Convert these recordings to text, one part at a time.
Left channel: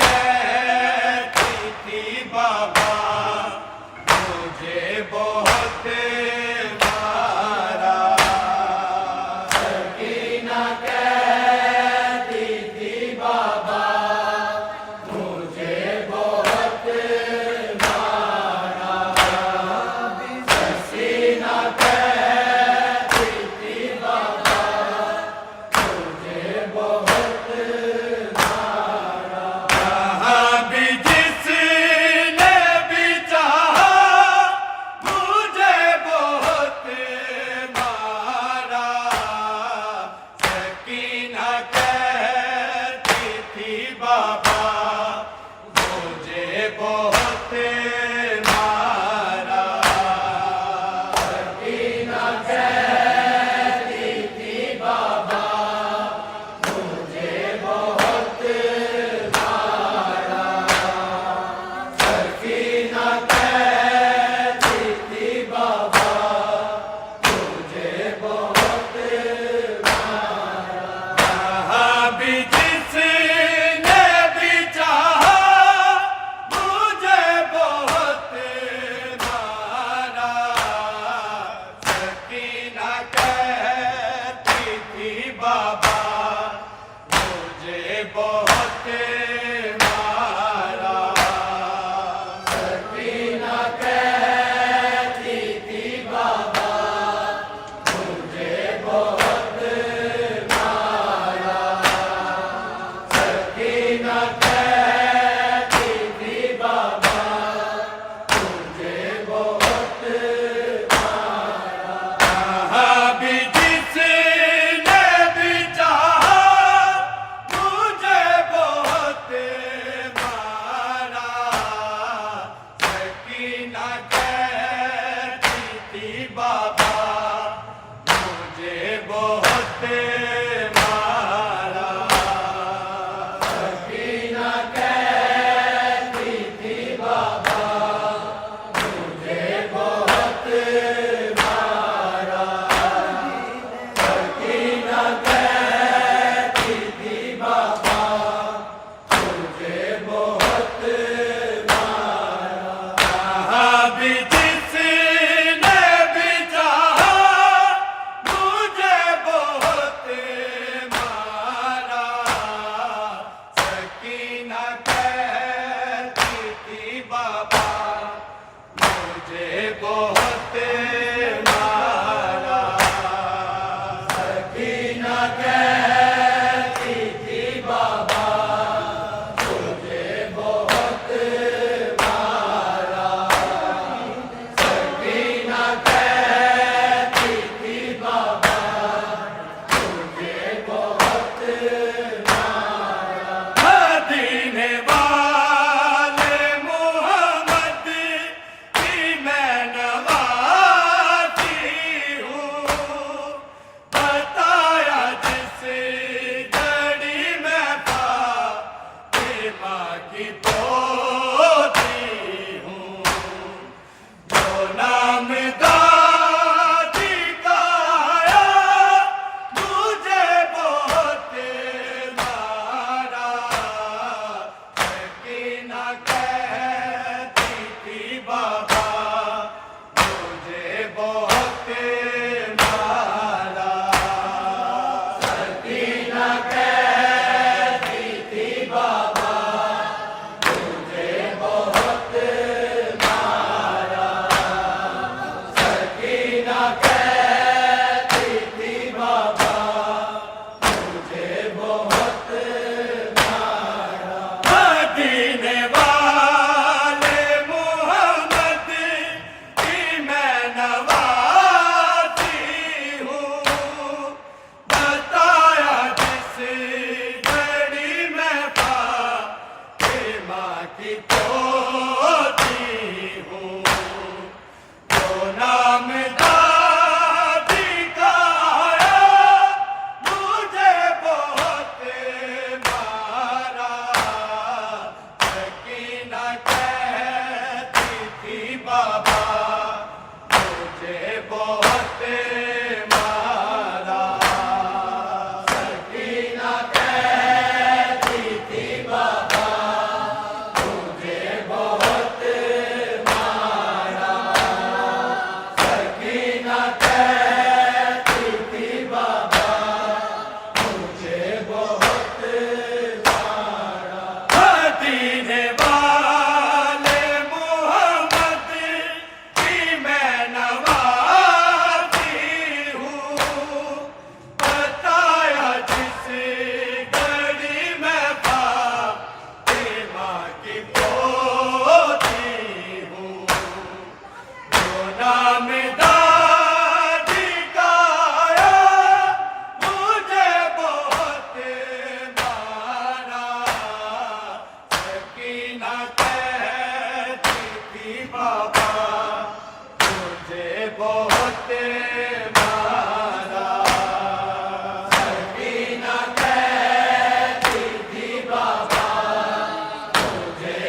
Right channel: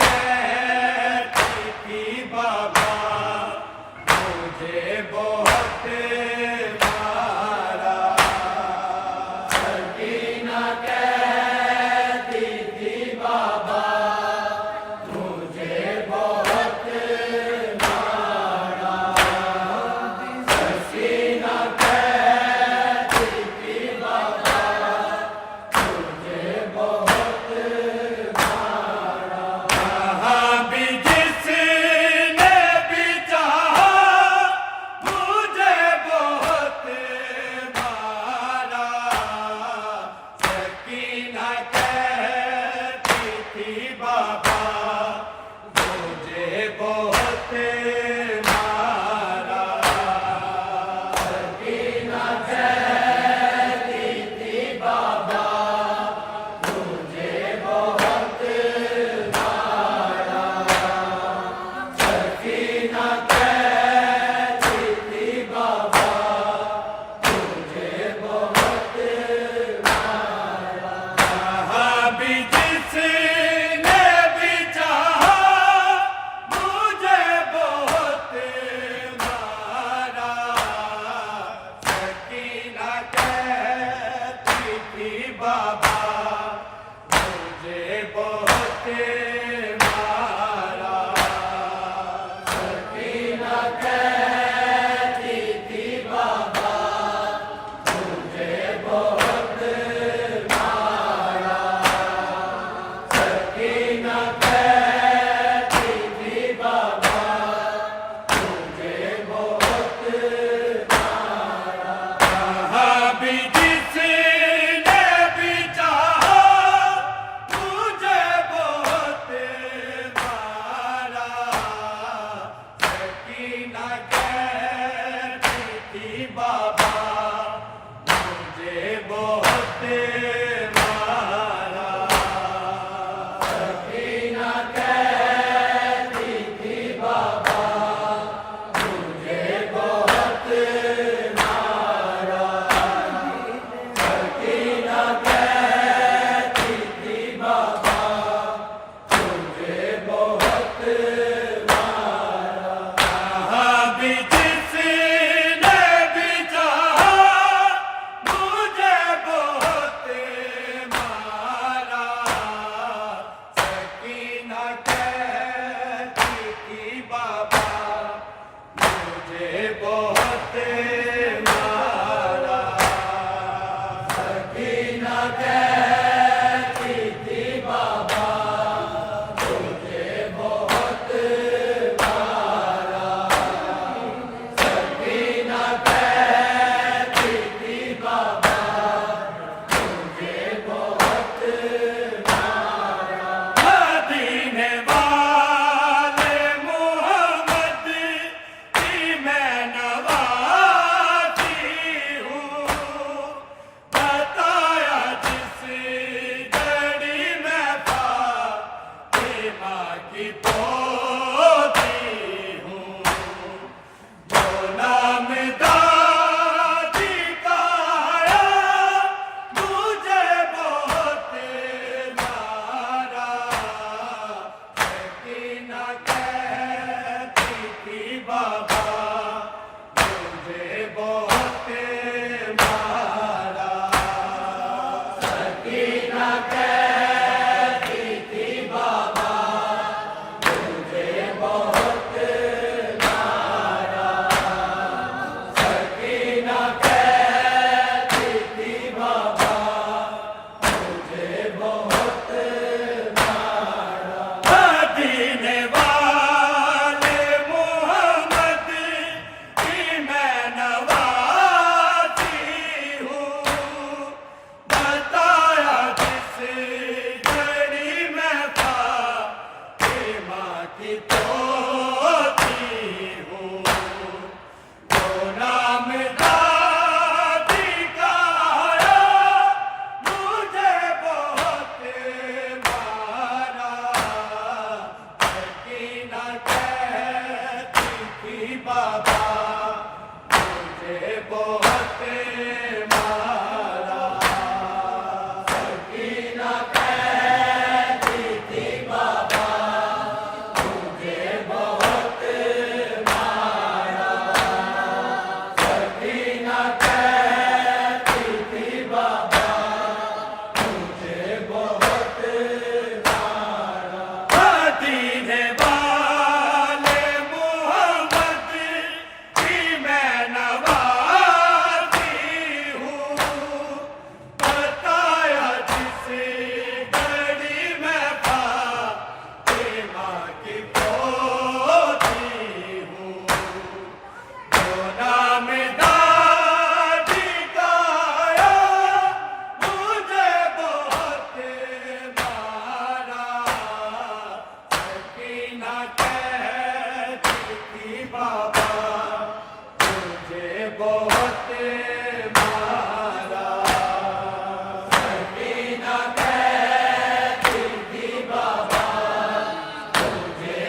कहती थी बाबा मुझे बहुत मारा। सकीना कहती थी बाबा मुझे बहुत मारा। सकीना कहती थी बाबा मुझे बहुत मारा। जहाँ भी जिसने भी चाहा मुझे बहुत मारा। सकीना कहती थी बाबा मुझे बहुत मारा। सकीना कहती थी बाबा मुझे बहुत मारा। सकीना कहती थी बाबा मुझे बहुत मारा। जहाँ भी जिसने भी चाहा मुझे बहुत मारा। सकीना कहती थी बाबा मुझे बहुत मारा। सकीना कहती थी बाबा मुझे बहुत मारा। सकीना कहती थी बाबा मुझे बहुत मारा। जहाँ भी जिसने भी चाहा मुझे बहुत मारा। सकीना कहती थी बाबा मुझे बहुत मारा। सकीना कहती थी बाबा मुझे बहुत मारा। सकीना कहती थी बाबा मुझे बहुत मारा। जहाँ भी जिसने भी चाहा मुझे बहुत मारा। सकीना कहती थी बाबा मुझे बहुत मारा। सकीना कहती थी बाबा मुझे बहुत मारा। सकीना कहती थी बाबा मुझे बहुत मारा। मदीने वाले मोहम्मद की मैं नवाजी हूँ। बताया जिस घड़ी में फातिमा की पोती हूँ। जो नाम दादी का आया मुझे बहुत मारा। सकीना कहती थी बाबा मुझे बहुत मारा। सकीना कहती थी बाबा मुझे बहुत मारा। सकीना कहती थी बाबा मुझे बहुत मारा। मदीने वाले मोहम्मद की मैं नवाजी हूँ। बताया जिस घड़ी में फातिमा की पोती हूँ। जो नाम दादी का आया मुझे बहुत मारा। सकीना कहती थी बाबा मुझे बहुत मारा। सकीना कहती थी बाबा की पोती हूँ जो नाम दादी का आया मुझे बहुत मारा सकीना कहती थी बाबा मुझे बहुत मारा सकीना कहती थी बाबा मुझे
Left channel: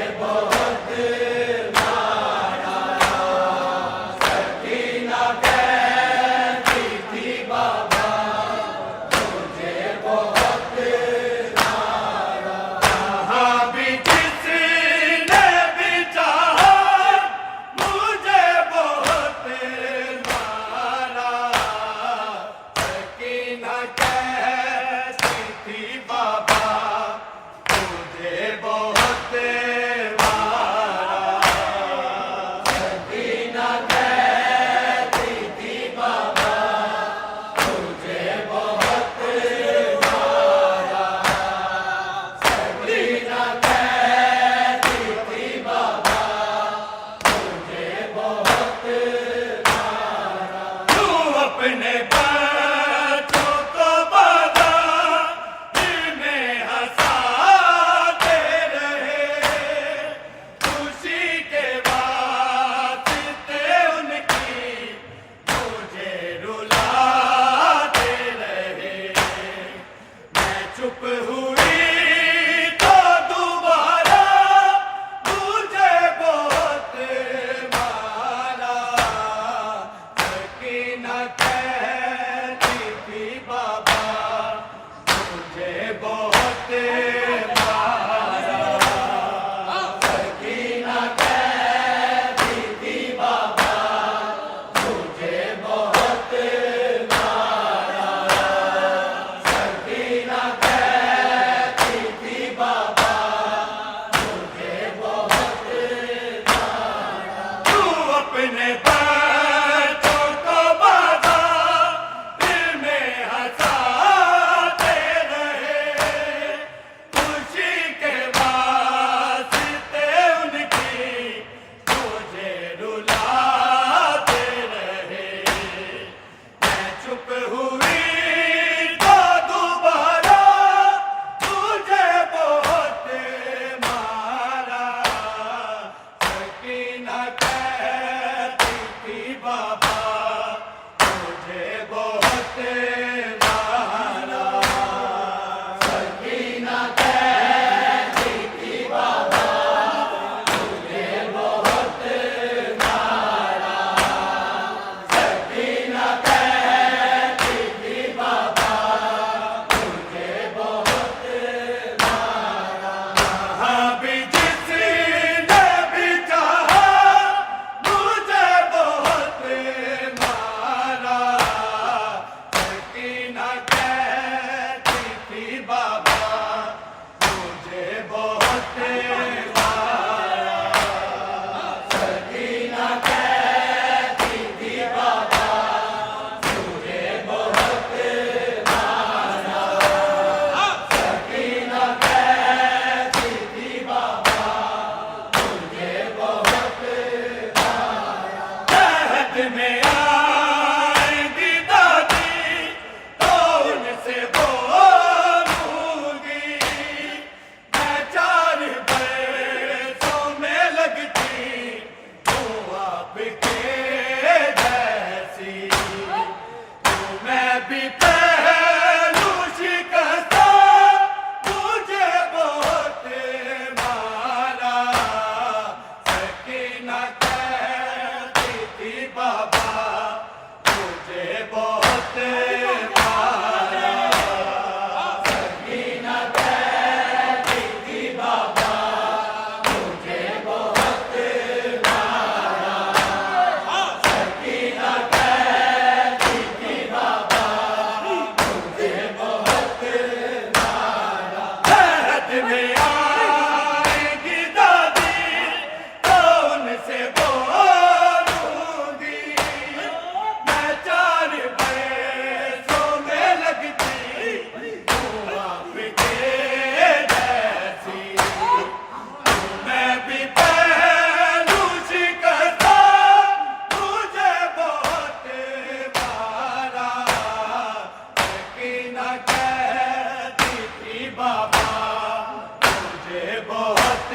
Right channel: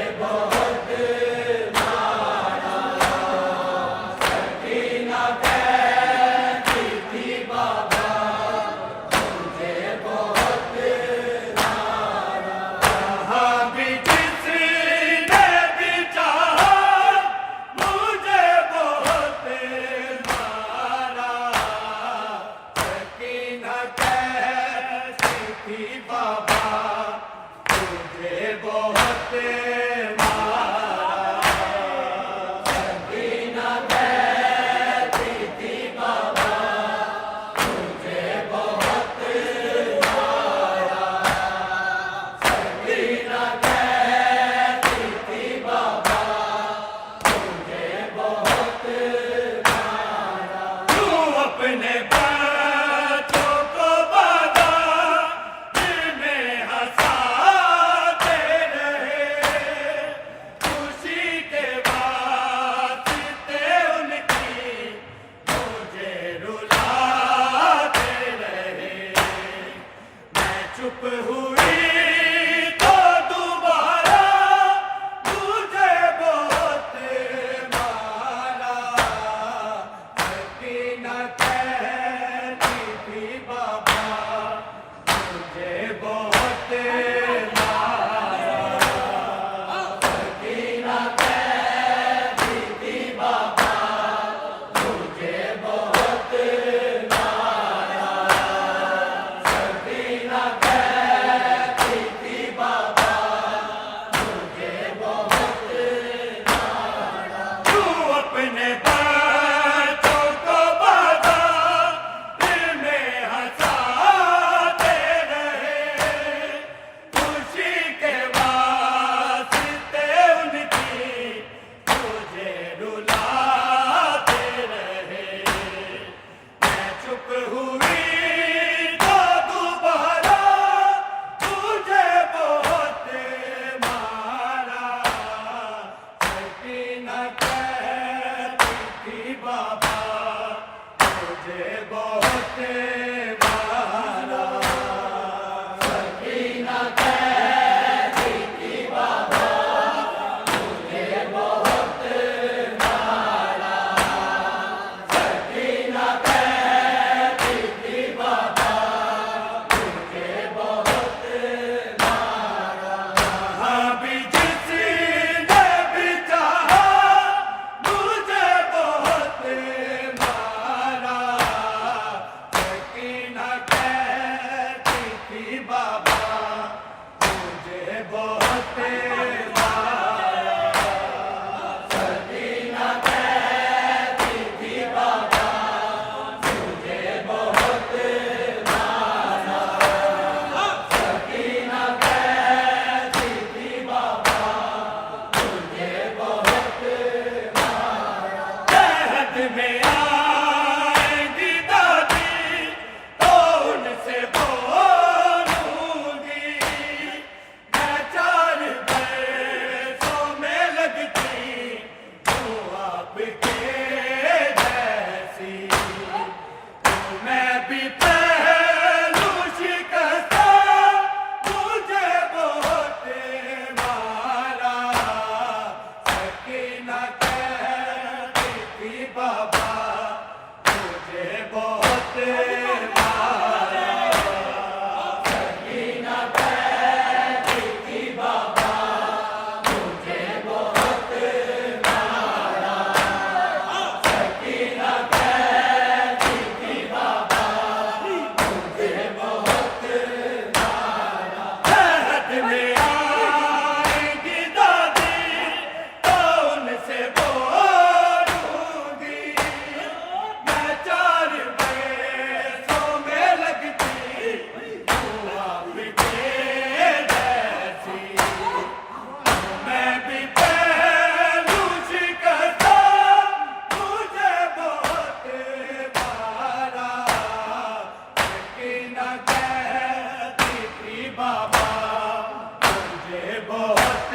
बहुत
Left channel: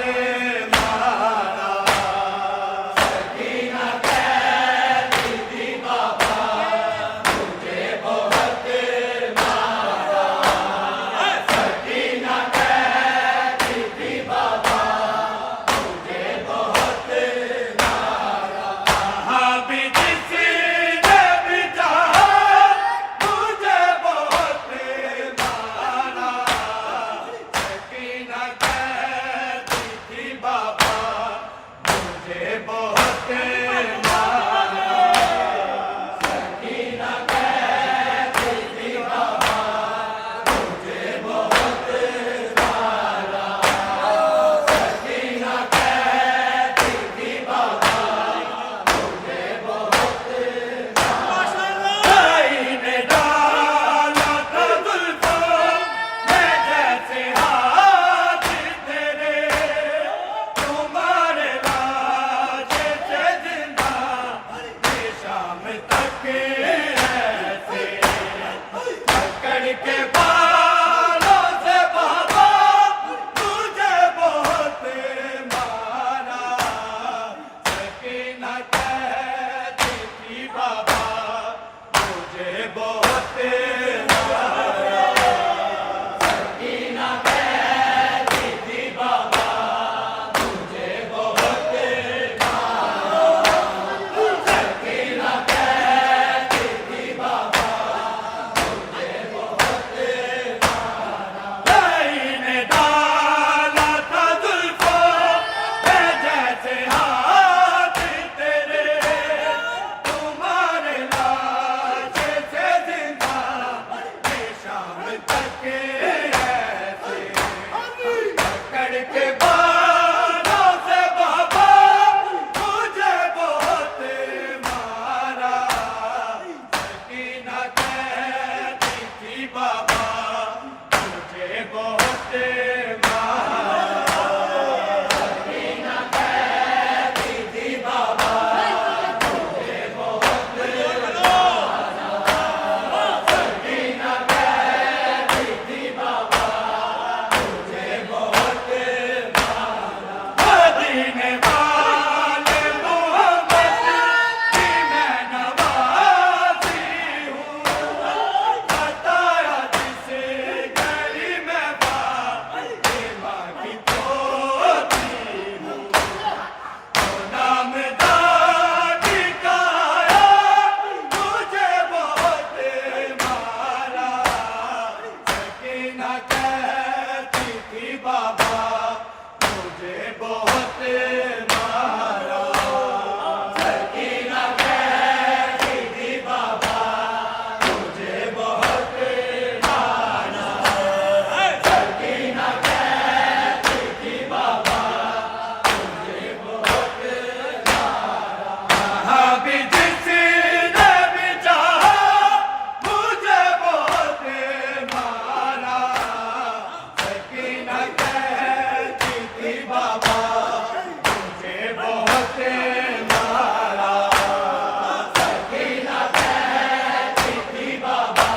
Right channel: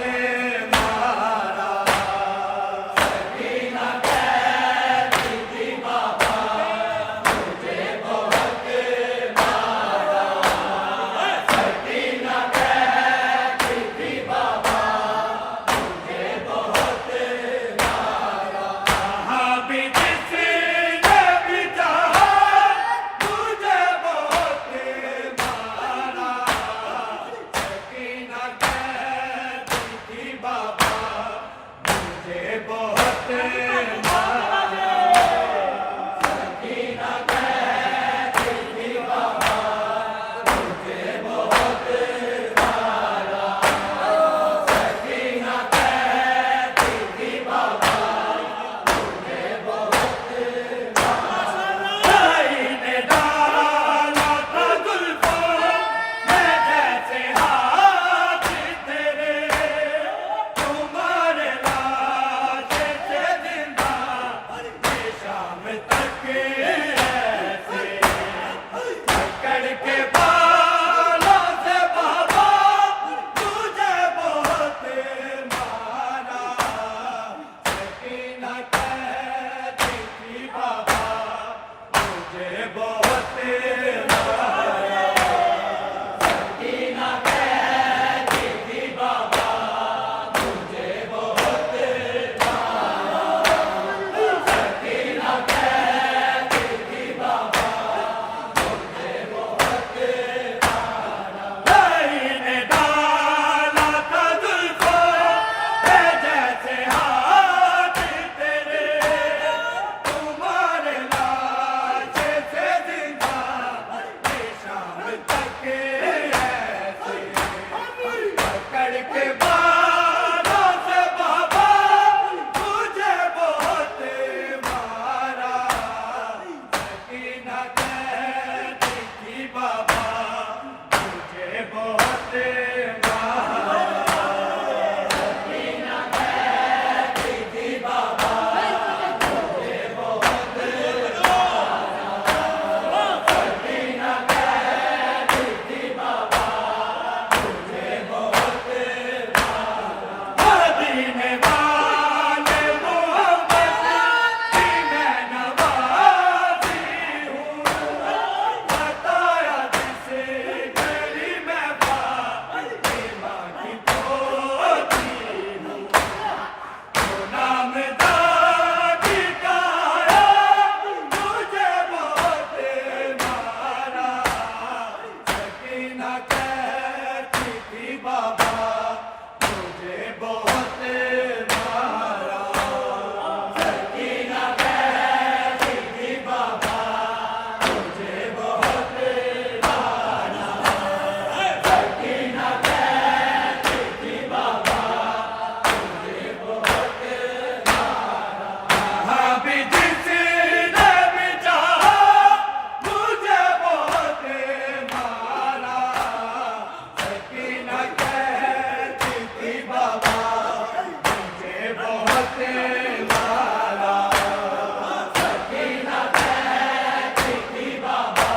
मारा। सकीना कहती थी बाबा मुझे बहुत मारा। सकीना कहती थी बाबा मुझे बहुत मारा। कहाँ भी जिसने भी चाहा मुझे बहुत मारा। सकीना कहती थी बाबा मुझे बहुत मारा। सकीना कहती थी बाबा मुझे बहुत मारा। सकीना कहती थी बाबा मुझे बहुत भाई ने डाला था जुल्फों में जैसे हाथ तेरे। तुम्हारे लाजे से जिंदा ये शाम तक ऐसे पकड़ के बालों से बाबा मुझे बहुत मारा। सकीना कहती थी बाबा मुझे बहुत मारा। सकीना कहती थी बाबा मुझे बहुत मारा। सकीना कहती थी बाबा मुझे बहुत मारा। भाई ने डाला था जुल्फों में जैसे हाथ तेरे। तुम्हारे लाजे से जिंदा ये शाम तक ऐसे पकड़ के बालों से बाबा मुझे बहुत मारा। सकीना कहती थी बाबा मुझे बहुत मारा। सकीना कहती थी बाबा मुझे बहुत मारा। सकीना कहती थी बाबा मुझे बहुत मारा। मदीने वाले मोहम्मद की मैं नवाजी हूँ। बताया जिसे गली में फातिमा की पोती हूँ। तो नाम दादी का आया मुझे बहुत मारा। सकीना कहती थी बाबा मुझे बहुत मारा। सकीना कहती थी बाबा मुझे बहुत मारा। सकीना कहती थी बाबा मुझे बहुत मारा। कहाँ भी जिसने भी चाहा मुझे बहुत मारा। सकीना कहती थी बाबा मुझे बहुत मारा। सकीना कहती थी बाबा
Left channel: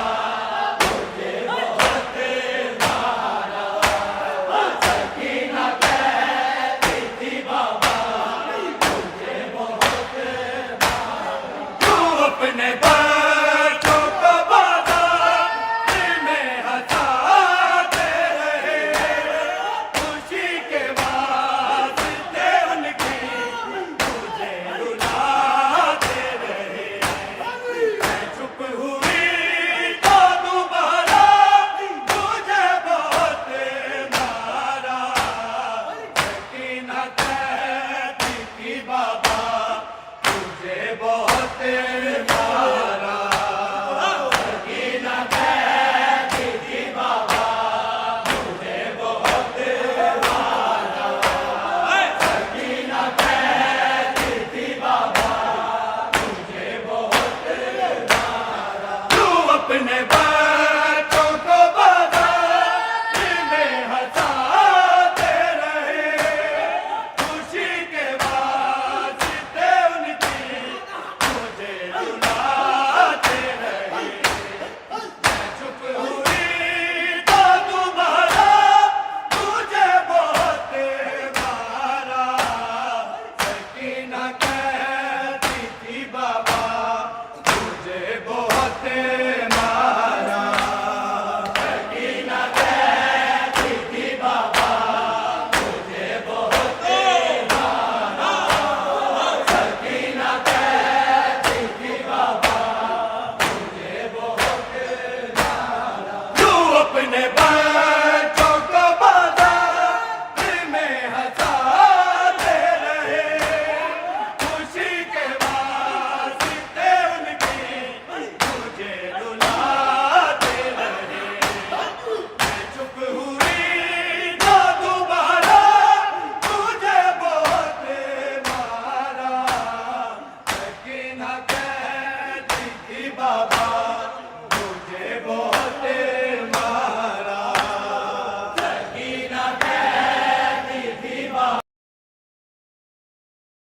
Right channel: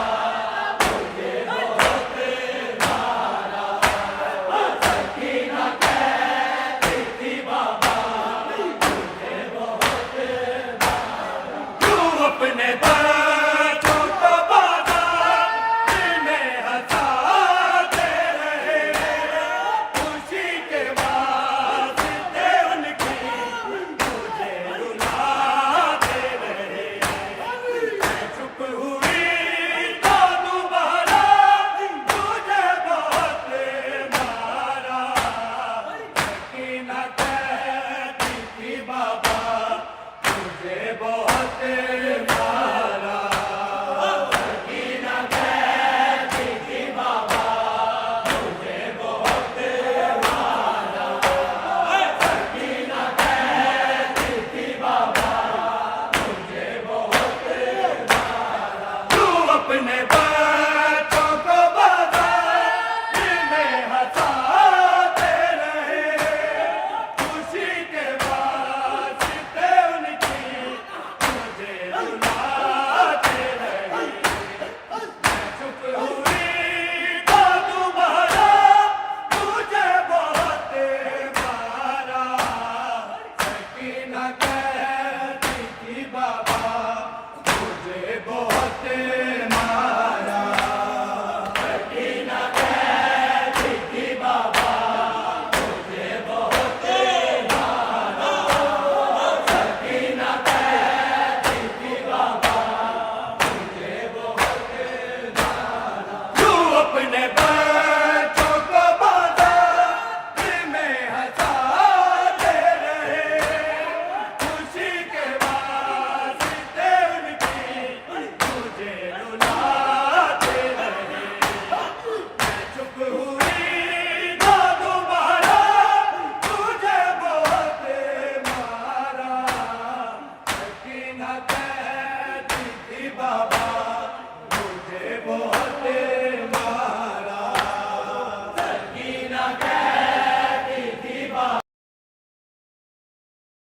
मुझे बहुत मारा। सकीना कहती थी बाबा मुझे बहुत मारा। तू अपने बच्चों को बाजार में हंसाते रहे। खुशी के वास्ते उनकी मुझे रुलाते रहे। मैं चुप हुई तो दोबारा मुझे बहुत मारा। सकीना